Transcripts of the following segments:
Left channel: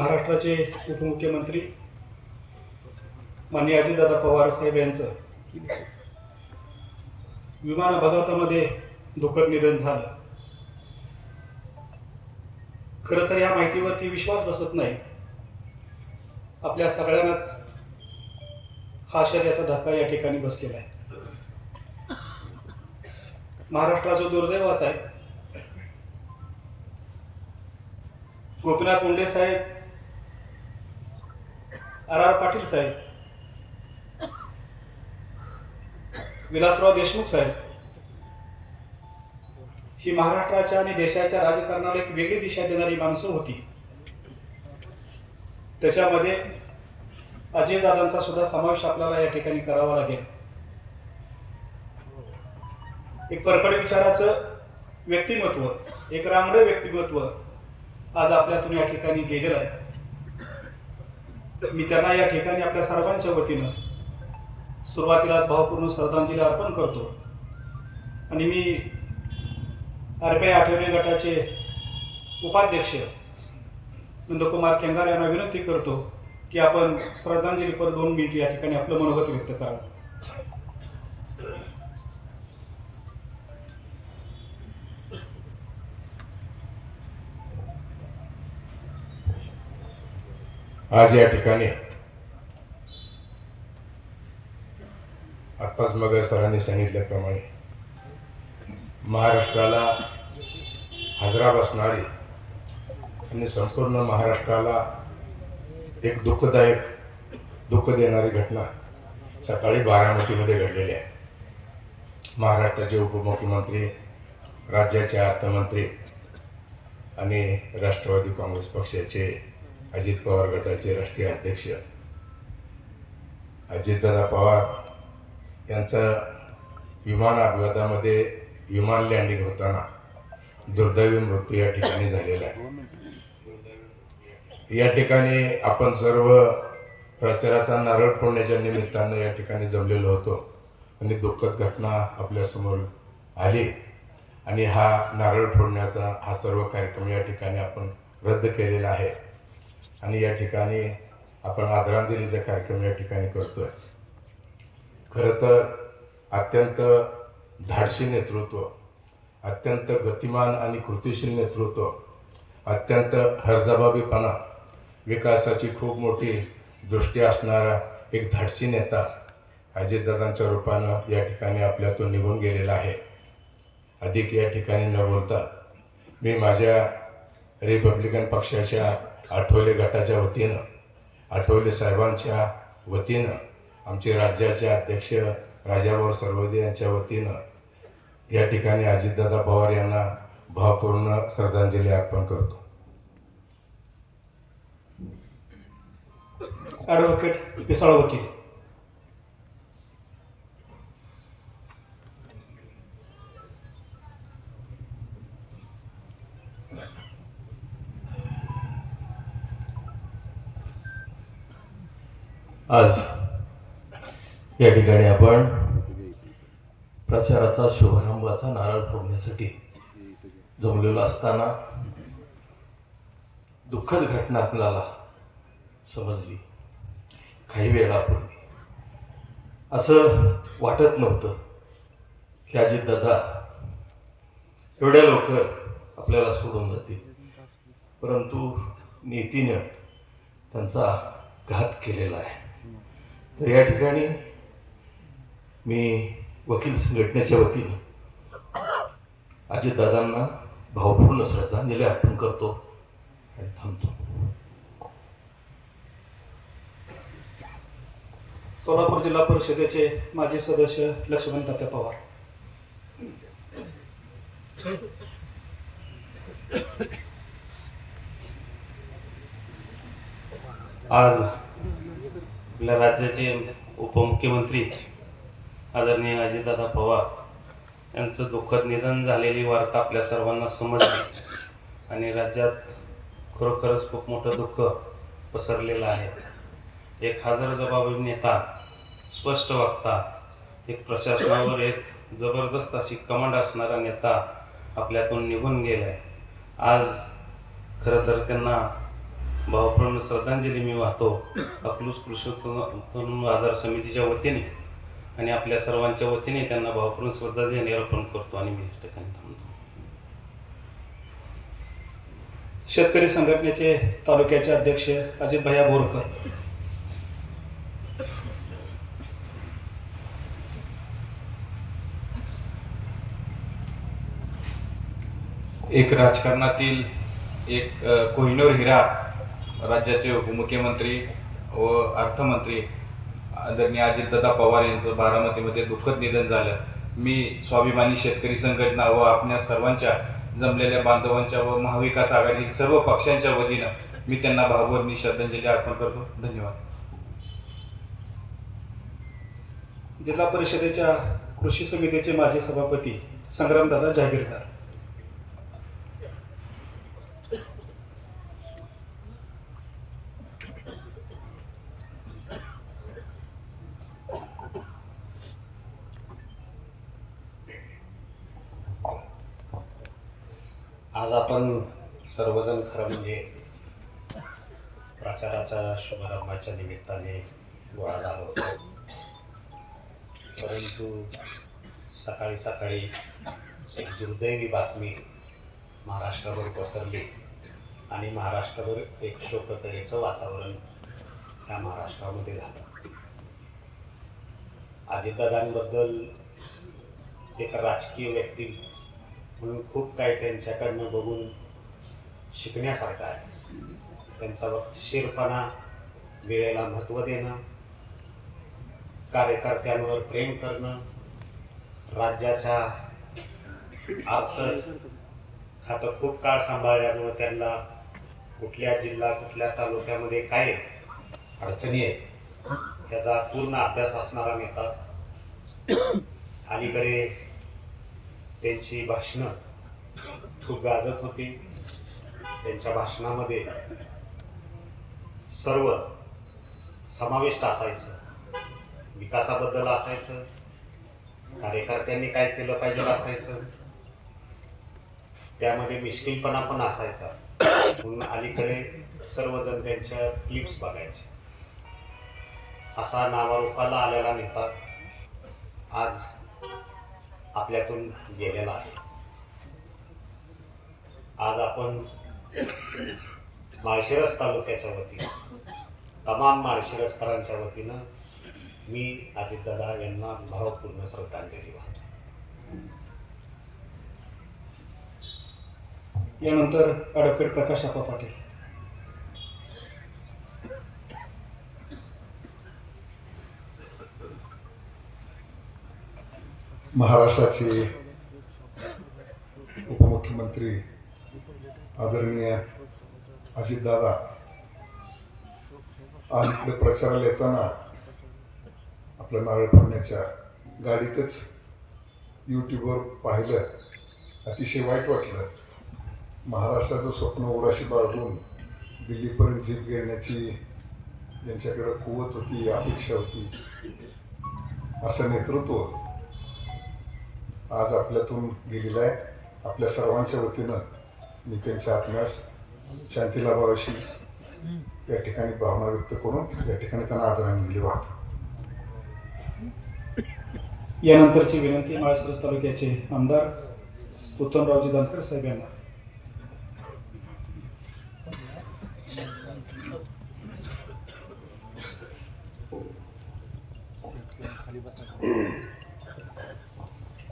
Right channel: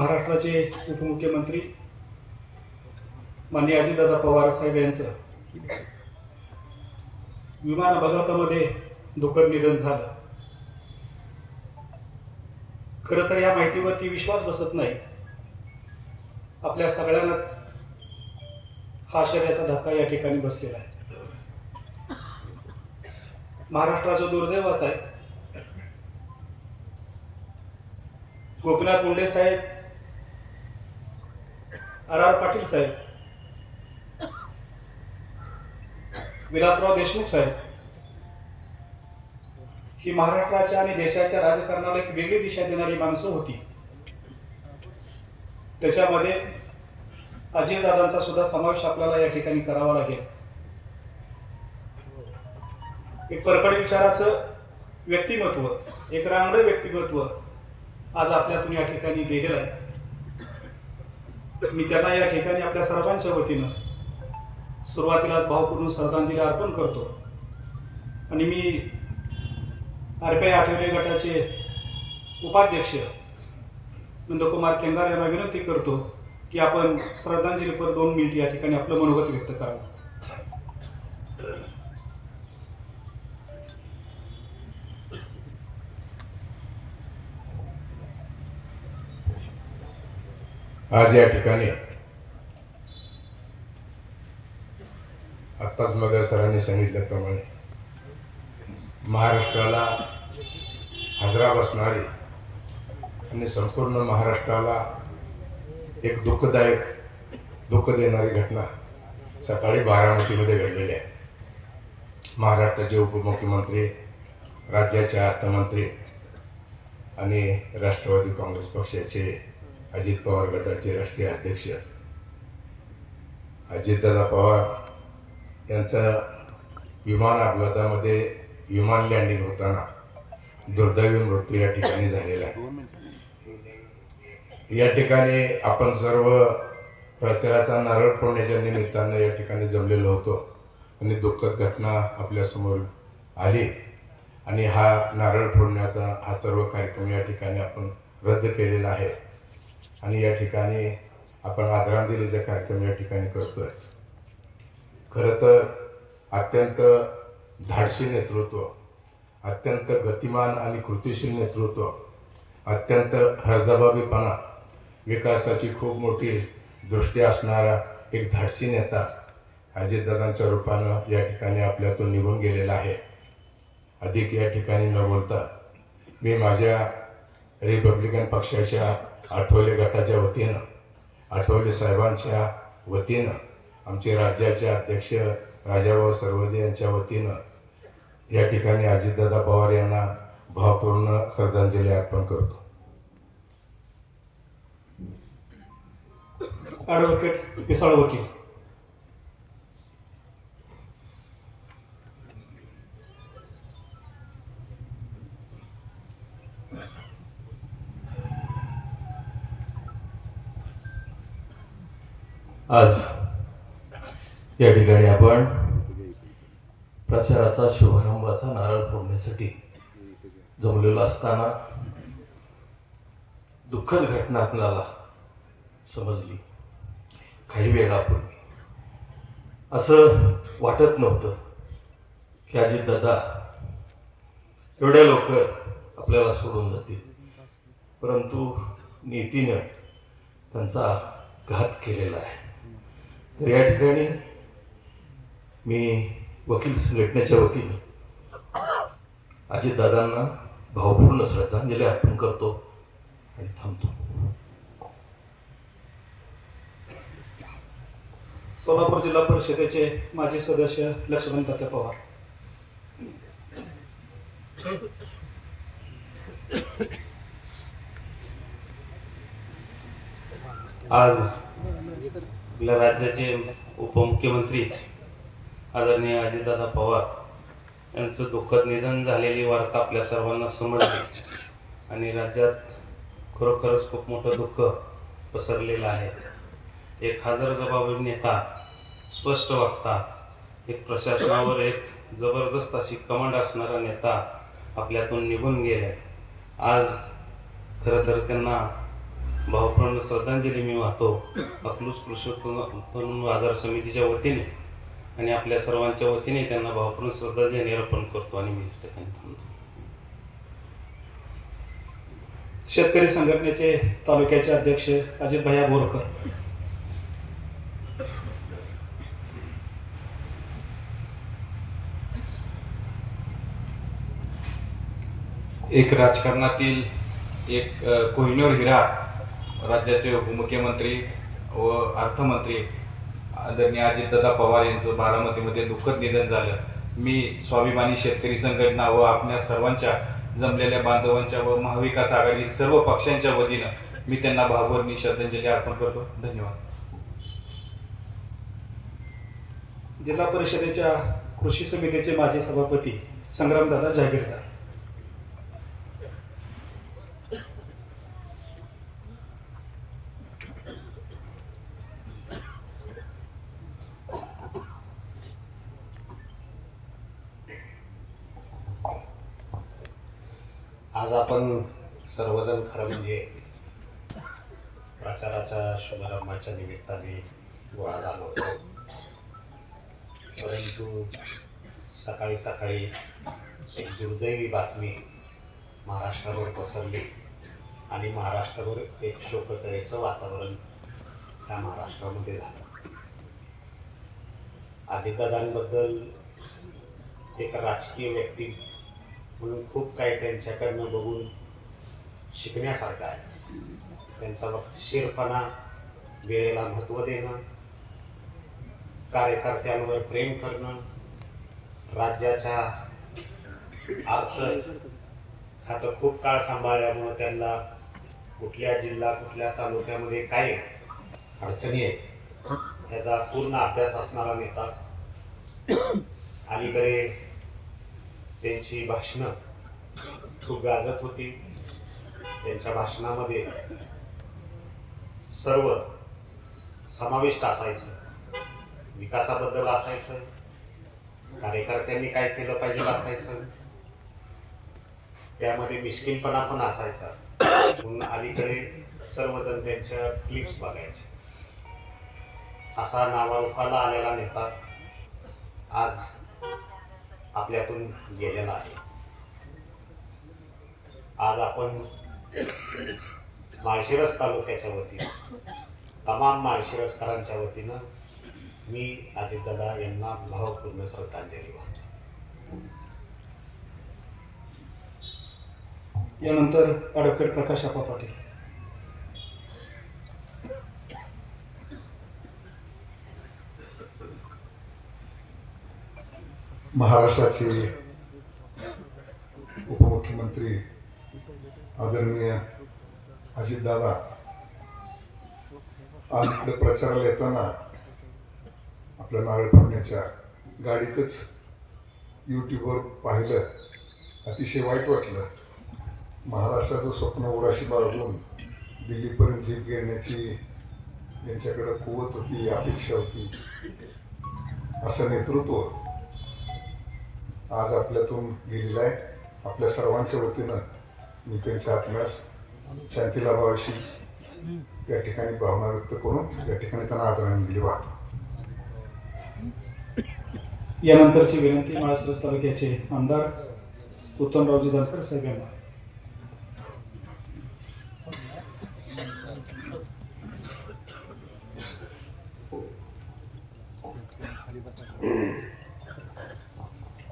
महाराष्ट्राचे उपमुख्यमंत्री माननीय अजितदादा पवार साहेब यांचं विमान अपघातामध्ये दुःखद निधन झालं. खरं तर या माहितीवरती विश्वास बसत नाही. आपल्या सगळ्यांनाच हा आश्चर्याचा धक्का या ठिकाणी बसलेला आहे. महाराष्ट्राचं दुर्दैव असं आहे, गोपीनाथ मुंडे साहेब, आर पाटील साहेब, विलासराव देशमुख साहेब ही महाराष्ट्राच्या आणि देशाच्या राजकारणाला एक वेगळी दिशा देणारी माणसं होती. त्याच्यामध्ये अजितदादांचा सुद्धा समावेश आपल्याला या ठिकाणी करावा लागेल. एक परखड विचाराचं व्यक्तिमत्व, एक रांगडं व्यक्तिमत्व आज आपल्यातून या ठिकाणी गेलेलं आहे. मी त्यांना या ठिकाणी आपल्या सर्वांच्या वतीनं सुरुवातीलाच भावपूर्ण श्रद्धांजली अर्पण करतो. आणि मी आरपीआय आठवले गटाचे उपाध्यक्ष नंदकुमार केंगार यांना विनंती करतो की आपण श्रद्धांजलीपर 2 मिनिट या ठिकाणी आपलं मनोगत व्यक्त करावं. आज या ठिकाणी आत्ताच मग सरांनी सांगितल्याप्रमाणे महाराष्ट्राला हादरा बसणारी आणि संपूर्ण महाराष्ट्राला एक दुःख देणारी घटना सकाळी बारामतीमध्ये घडलेली आहे. महाराष्ट्राचे उपमुख्यमंत्री, राज्याचे अर्थमंत्री आणि राष्ट्रवादी काँग्रेस पक्षाचे अजित पवार गटाचे राष्ट्रीय अध्यक्ष अजितदादा पवार यांचा विमान अपघातामध्ये विमान लँडिंग होताना दुर्दैवी मृत्यू या ठिकाणी झालेला आहे. या ठिकाणी आपण सर्व प्रचाराचा नारळ फोडण्याच्या निमित्तानं या ठिकाणी जमलेलो होतो आणि दुःखद घटना आपल्यासमोर आली आणि हा नारळ फोडण्याचा हा सर्व कार्यक्रम या ठिकाणी आपण रद्द केलेला आहे. आणि या ठिकाणी आपण आदरांजलीचा कार्यक्रम या ठिकाणी करतोय. खरं तर अत्यंत धाडसी नेतृत्व, अत्यंत गतिमान आणि कृतिशील नेतृत्व, अत्यंत हरजबाबीपणा, विकासाची खूप मोठी दृष्टी असणारा एक धाडसी नेता अजितदादांच्या रूपानं या ठिकाणी आपल्यातून निघून गेलेला आहे. अधिक या ठिकाणी न बोलता मी माझ्या रिपब्लिकन पक्षाच्या आठवले गटाच्या वतीनं, आठवले साहेबांच्या वतीनं, आमचे राज्याचे अध्यक्ष राजाभाऊ सरवदे यांच्या वतीनं या ठिकाणी अजितदादा पवार यांना भावपूर्ण श्रद्धांजली अर्पण करतो. ॲडव्होकेट पिसाळ वकील. आज या ठिकाणी आपण प्रचाराचा शुभारंभाचा नारळ फोडण्यासाठी जमलेलो असताना दुःखद घटना आपल्याला समजली. काही वेळापूर्वी असं वाटत नव्हतं की अजितदादा एवढ्या लवकर आपल्याला सोडून जातील, परंतु नीतीनं त्यांचा घात केलेला आहे. तर या ठिकाणी मी वकील संघटनेच्या वतीने अजितदादांना भावपूर्ण श्रद्धांजली अर्पण करतो आणि थांबतो. सोलापूर जिल्हा परिषदेचे माजी सदस्य लक्ष्मण तात्या पवार. आज आपल्या राज्याचे उपमुख्यमंत्री आदरणीय अजितदादा पवार यांचं दुःखद निधन झालेली वार्ता आपल्या सर्वांना समजली आणि राज्यात खरोखरच खूप मोठं दुःख पसरलेलं आहे. एक हजरजबाबी नेता, स्पष्ट वक्ता, एक प्रशासनावर एक जबरदस्त अशी कमांड असणारा नेता आपल्यातून निघून गेलाय. आज खरं तर त्यांना भावपूर्ण श्रद्धांजली मी वाहतो अकलूज कृषी उत्पन्न बाजार समितीच्या वतीने आणि आपल्या सर्वांच्या वतीने त्यांना भावपूर्ण श्रद्धांजली अर्पण करतो आणि मी या ठिकाणी थांबतो. शेतकरी संघटनेचे तालुक्याचे अध्यक्ष अजित भैया बोरकर. एक राजकारणातील एक कोहिनूर हिरा राज्याचे उपमुख्यमंत्री व अर्थमंत्री आदरणीय अजितदादा पवार यांचं बारामतीमध्ये दुःखद निधन झालं. मी स्वाभिमानी शेतकरी संघटना व आपल्या सर्वांच्या जमलेल्या बांधवांच्या व महाविकास आघाडीतील सर्व पक्षांच्या वतीनं मी त्यांना भावभरणी श्रद्धांजली अर्पण करतो. धन्यवाद. जिल्हा परिषदेच्या कृषी समितीचे माजी सभापती संग्रामदादा जागीरदार. आज आपण सर्वजण खरं म्हणजे प्रचाराच्या शुभारंभाच्या निमित्ताने गोळा झालो होतो, परंतु सकाळी सकाळी एक दुर्दैवी बातमी महाराष्ट्रावर पसरली आणि महाराष्ट्रावर एक शोककळेचं वातावरण या महाराष्ट्रामध्ये झालं. अजितदादांबद्दल एक राजकीय व्यक्ती म्हणून खूप काही त्यांच्याकडनं बघून शिकण्यासारखं आहे. त्यांचा वक्तशीरपणा, वेळेला महत्त्व देणं, कार्यकर्त्यांवर प्रेम करणं, राज्याच्या अर्थ खातं खूप काळ सांभाळल्यामुळं त्यांना कुठल्या जिल्हा कुठल्या तालुक्यामध्ये काय अडचणी आहेत त्याचा पूर्ण अभ्यास असणारा नेता. अलीकडे त्यांची भाषणं खूप गाजत होती. त्यांच्या भाषणामध्ये सर्व समाविष्ट असायचं. विकासाबद्दल असायचं, कार्यकर्त्यांनी काय केलं पाहिजे असायचं, त्यामध्ये मिश्किलपणा पण असायचा. म्हणून अलीकडे सर्वजण त्यांच्या क्लिप्स बघायचे. असा नावारूपाला आलेला नेता आज आपल्यातून गेलेला आहे. आज आपण माळशिरस तालुक्याच्या वतीनं, तमाम माळशिरसकरांच्या वतीनं मी अजितदादा यांना भावपूर्ण श्रद्धांजली वाहतो. यानंतर ॲडव्होकेट प्रकाश आप्पा पाटील. महाराष्ट्राचे उपमुख्यमंत्री आदरणीय अजितदादा आज इकडे प्रचाराला येताना आपल्या नारळ फोडण्याच्या गाडीतच यूट्यूबवर पाहिलं. अतिशय वाईट वाटलं. महाराष्ट्राचं स्वप्न उराशी बाळगून दिल्लीपर्यंत जीप घेण्याची ज्यांच्याकडे कुवत होती, अपेक्षा होती, असं नेतृत्व आज आपल्यातून गेलेलं आहे. आपल्या सर्वांच्या वतीनं मी त्यांच्या आत्म्यास शांती लाभावीशी या ठिकाणी भावना व्यक्त करून या ठिकाणी त्यांना आदरांजली वाहतो. यानंतरची विनंती माळशिरस तालुक्याचे आमदार उत्तमरावजी जानकर साहेब यांना.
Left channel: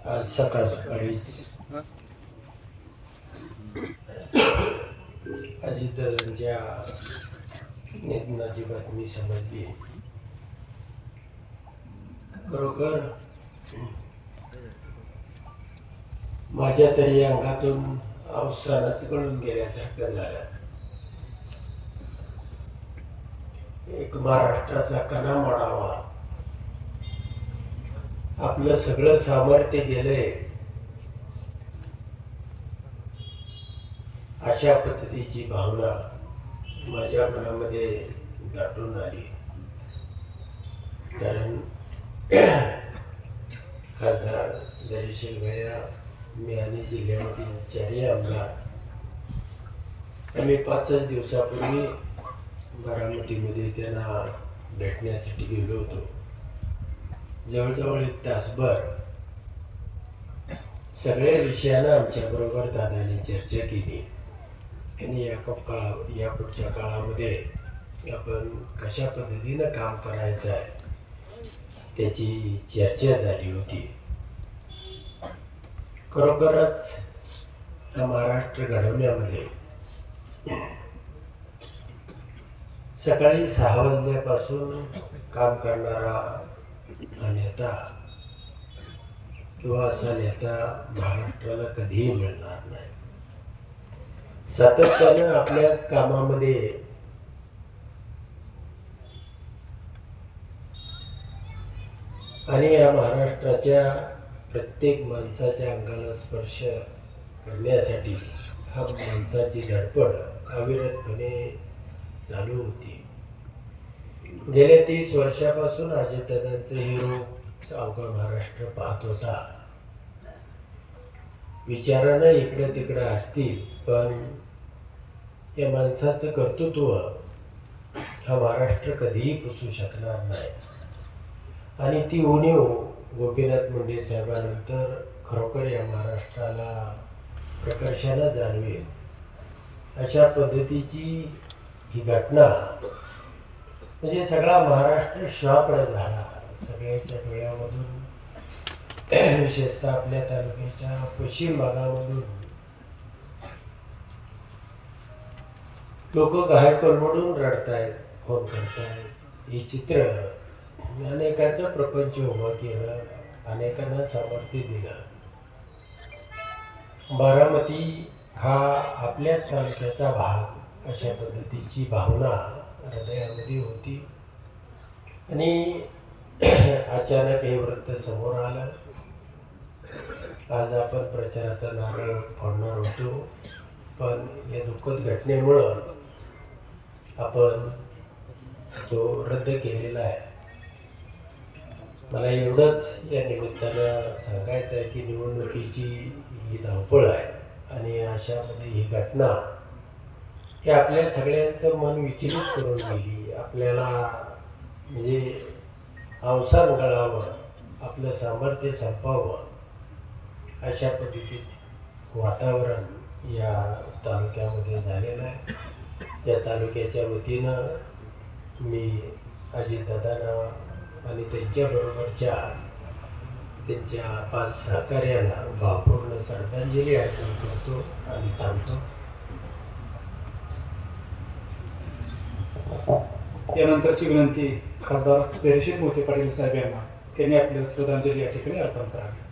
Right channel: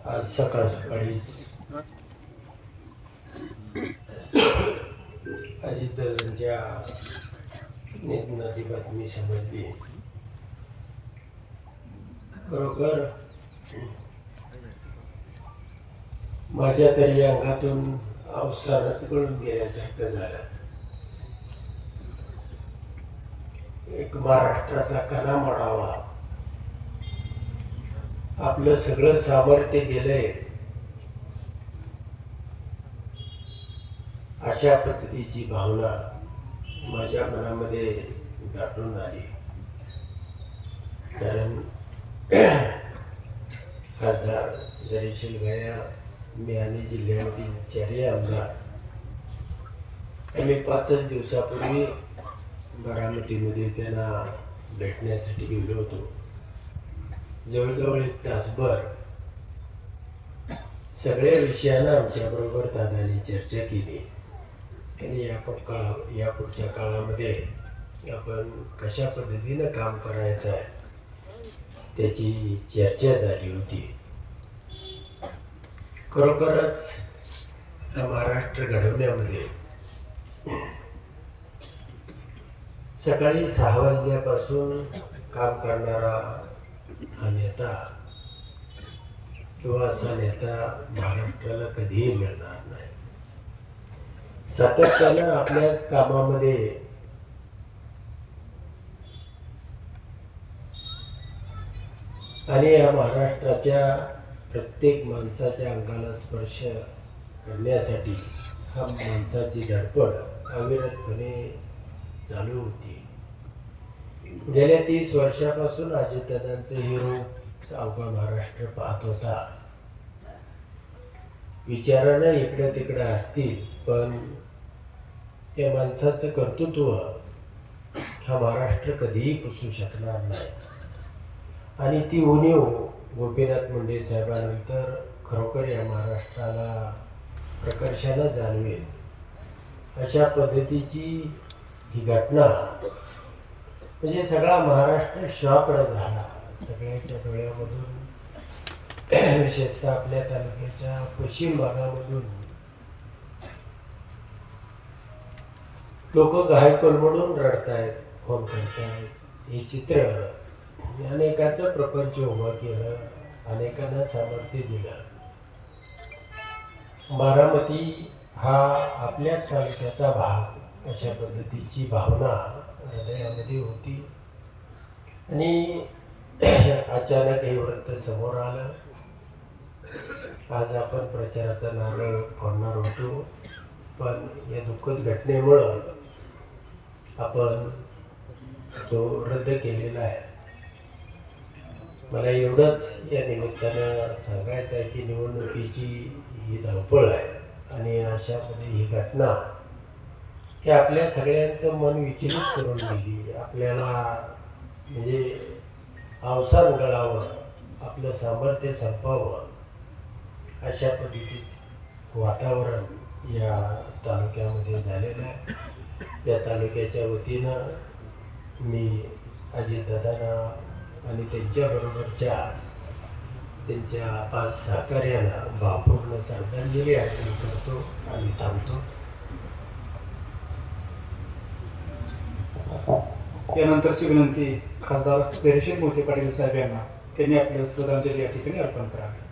आज सकाळ सकाळीच अजितदादांच्या निधनाची बातमी समजली. खरोखर माझ्या तरी अंगातून अवसानच गळून गेल्यासारखं झालं. एक महाराष्ट्राचा कणा मोडावा, आपलं सगळं सामर्थ्य गेलंय, अशा पद्धतीची भावना माझ्या मनामध्ये दाटून आली. कारण खासदार दरेशील भैया, मी आणि जिल्ह्यामधील चारही आमदार आम्ही 5 दिवसापूर्वी बारामतीमध्ये त्यांना भेटण्यासाठी गेलो होतो. जवळजवळ 1 तासभर सगळ्या विषयांना आमच्याबरोबर दादाने चर्चा केली आणि या पुढच्या काळामध्ये आपण कशा पद्धतीनं काम करायचं आहे त्याची चर्चा झाली होती. खरोखरच हा महाराष्ट्र घडवण्यामध्ये सकाळी 6 वाजल्यापासून काम करणारा हा नेता किंवा असा नेता महाराष्ट्राला कधीही मिळणार नाही. सातत्यानं आपल्याच कामामध्ये आणि या महाराष्ट्राच्या प्रत्येक माणसाच्या अंगाला स्पर्श करण्यासाठी हा माणसाची धडपड अविरतपणे चालू होती. गेल्या 30 वर्षापासून अजितदादांचे हिरो अवघा महाराष्ट्र पाहत होता. विचारानं इकडे तिकडे असतील, पण या माणसाचं कर्तृत्व हा महाराष्ट्र कधीही पुसू शकणार नाही. आणि ती उणीव गोपीनाथ मुंडे साहेबांनंतर खरोखर या महाराष्ट्राला प्रकर्षानं जाणवेल अशा पद्धतीची ही घटना म्हणजे सगळा महाराष्ट्र श्वापड झाला. सगळ्याच्या डोळ्यामधून विशेषतः आपल्या तालुक्याच्या पश्चिम भागामधून लोक घाय कोलमडून रडतायत, फोन करतायत. हे चित्र अनेकाचं प्रपंच उभं केलं, अनेकांना सामर्थ्य दिलं. बारामती हा आपल्याच तालुक्याचा भाग अशा पद्धतीची भावना हृदयामध्ये होती. आणि अचानक हे वृत्त समोर आलं. आज आपण प्रचाराचा नारळ फोडणार होतो, पण या दुःखद घटनेमुळं आपण तो रद्द केलेला आहे. मला एवढंच या निमित्तानं सांगायचं आहे की निवडणुकीची ही धावपळ आहे आणि अशामध्ये ही घटना की आपल्या सगळ्यांचं मन विचलित करून गेली. आपल्याला म्हणजे अवसान गळावं, आपलं सामर्थ्य संपावं अशा पद्धतीचं वातावरण या तालुक्यामध्ये झालेलं आहे. या तालुक्याच्या वतीनं मी अजितदादांना आणि त्यांच्याबरोबरच्या त्यांच्या 5 सहकार्यांना भावपूर्ण श्रद्धांजली अर्पण करतो आणि थांबतो. यानंतरची विनंती खासदार धैर्यशील मोहिते पाटील साहेब यांना, त्यांनी आपली श्रद्धांजली या ठिकाणी अर्पण करावी.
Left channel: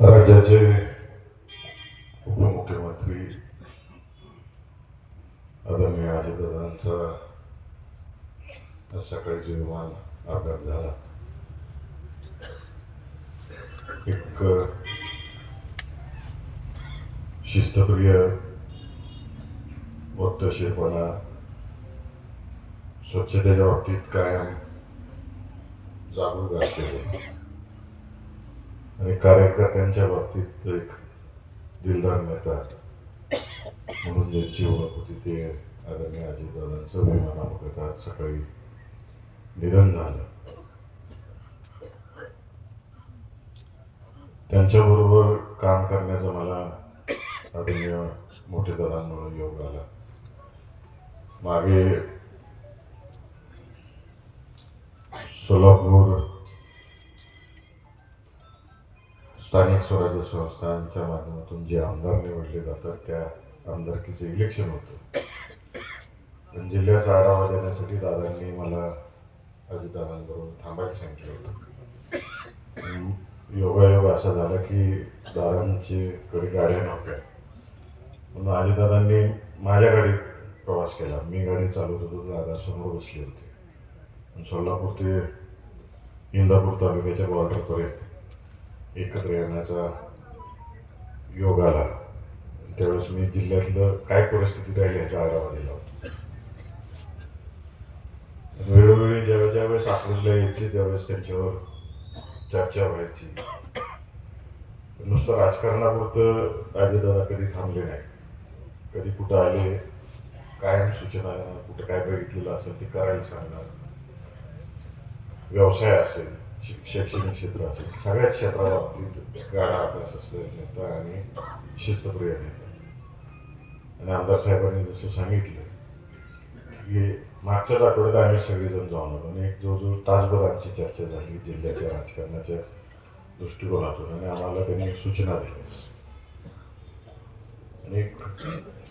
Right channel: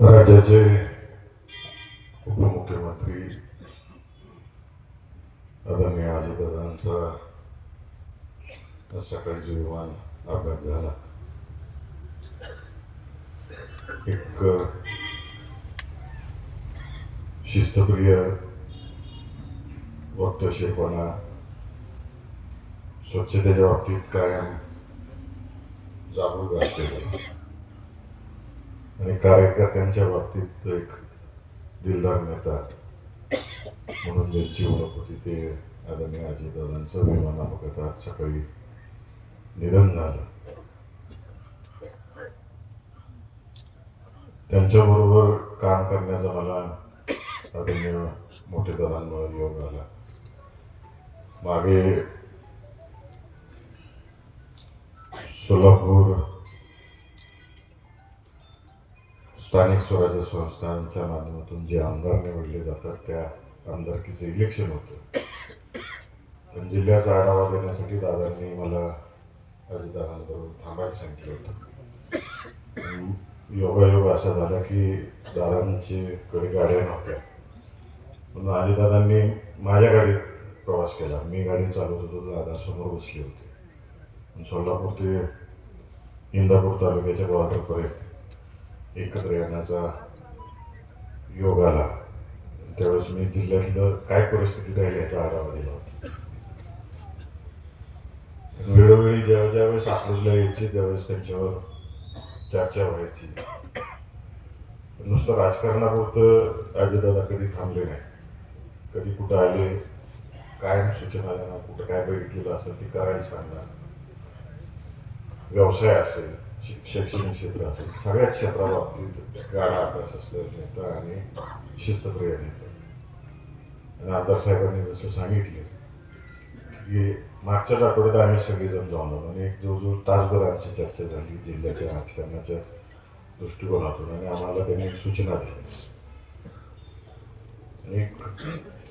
राज्याचे उपमुख्यमंत्री आदरणीय अजितदादांचा सकाळी जो विमान अपघात झाला, एक शिस्तप्रिय वक्तशीरपणा, स्वच्छतेच्या बाबतीत कायम जागरूक असलेले आणि कार्यकर्त्यांच्या बाबतीत एक दिलदार नेता म्हणून ज्यांची ओळख होती ते आदरणीय अजितदादांचं विमान अपघातात सकाळी निधन झालं. त्यांच्याबरोबर काम करण्याचा मला आदरणीय मोठे दादांमुळे योग आला. मागे सोलापूर स्थानिक स्वराज्य संस्थांच्या माध्यमातून जे आमदार निवडले जातात त्या आमदारकीचं इलेक्शन होतं. पण जिल्ह्याचा आढावा देण्यासाठी दादांनी मला अजितदादांबरोबर थांबायला सांगितलं होतं. योगायोग असा झाला की दादांची कडे गाड्या नव्हत्या, म्हणून अजितदादांनी माझ्या गाडीत प्रवास केला. मी गाडी चालवत होतो, दादा समोर बसले होते. सोलापूर ते इंदापूर तालुक्याच्या बॉर्डरपर्यंत एकत्र येण्याचा योग आला. त्यावेळेस मी जिल्ह्यातलं काय परिस्थिती राहिली याचा आढावा दिला होता. वेळोवेळी ज्यावेळेस अकलूजला यायचे त्यावेळेस त्यांच्यावर चर्चा व्हायची. नुसतं राजकारणापुरतं अजितदादा कधी थांबले नाही. कधी कुठं आले, कायम सूचना कुठं काय बघितलेलं असेल ते करायला सांगणार. व्यवसाय असेल, शैक्षणिक क्षेत्र असेल, सगळ्याच क्षेत्राबाबतीत गाडा अभ्यास असलेला नेता आणि शिस्तप्रिय नेता. आणि आमदार साहेबांनी जसं सांगितलं की मागच्याच आठवड्यात आम्ही सगळेजण जाऊन आलो आणि एक जवळजवळ तासभर आमची चर्चा झाली जिल्ह्याच्या राजकारणाच्या दृष्टिकोनातून आणि आम्हाला त्यांनी सूचना दिल्या. आणि एक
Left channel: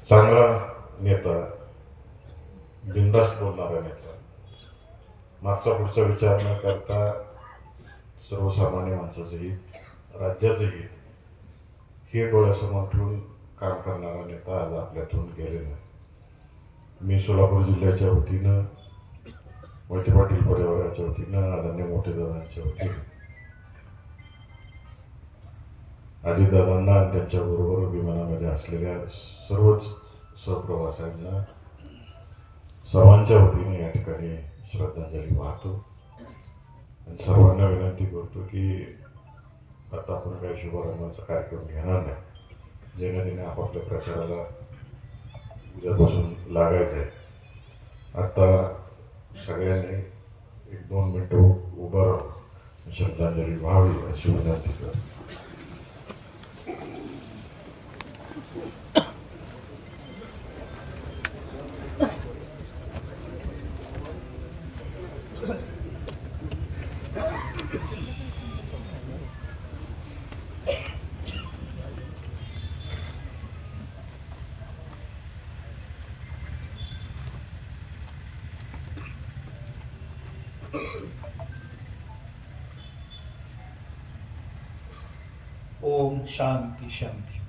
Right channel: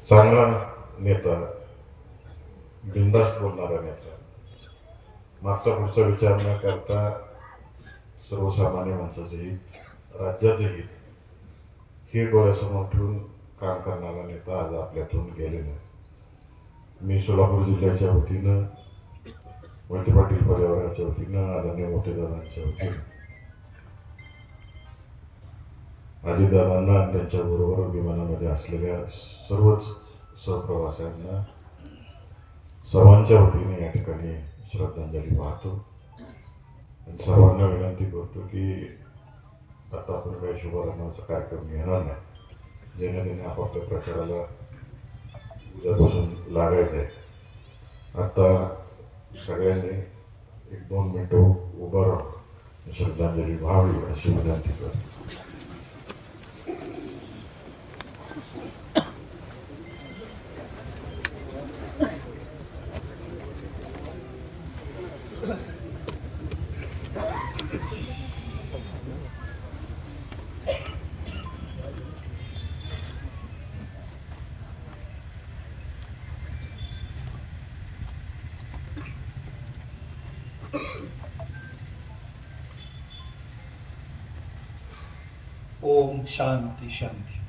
चांगला नेता, बिनधास्त बोलणारा नेता, मागचा पुढचा विचार न करता सर्वसामान्य माणसाचं हित, राज्याचं हित हे डोळ्यासमोर ठेवून काम करणारा नेता आज आपल्यातून गेलेला आहे. मी सोलापूर जिल्ह्याच्या वतीनं, मोहिते पाटील परिवाराच्या वतीनं, आदरणीय मोठेदादांच्या वतीनं अजितदादांना आणि त्यांच्याबरोबर विमानामध्ये असलेल्या सर्वच सहप्रवाशांना सर्वांच्या वतीने या ठिकाणी श्रद्धांजली वाहतो आणि सर्वांना विनंती करतो की आता आपण काही शुभारंभाचा कार्यक्रम घेणार नाही. जेणे आपापल्या प्रचाराला उद्यापासून लागायचं आहे. आता सगळ्यांनी 1-2 मिनटं उभं राहून श्रद्धांजली व्हावी अशी विनंती करतो. ओम शांती शांती.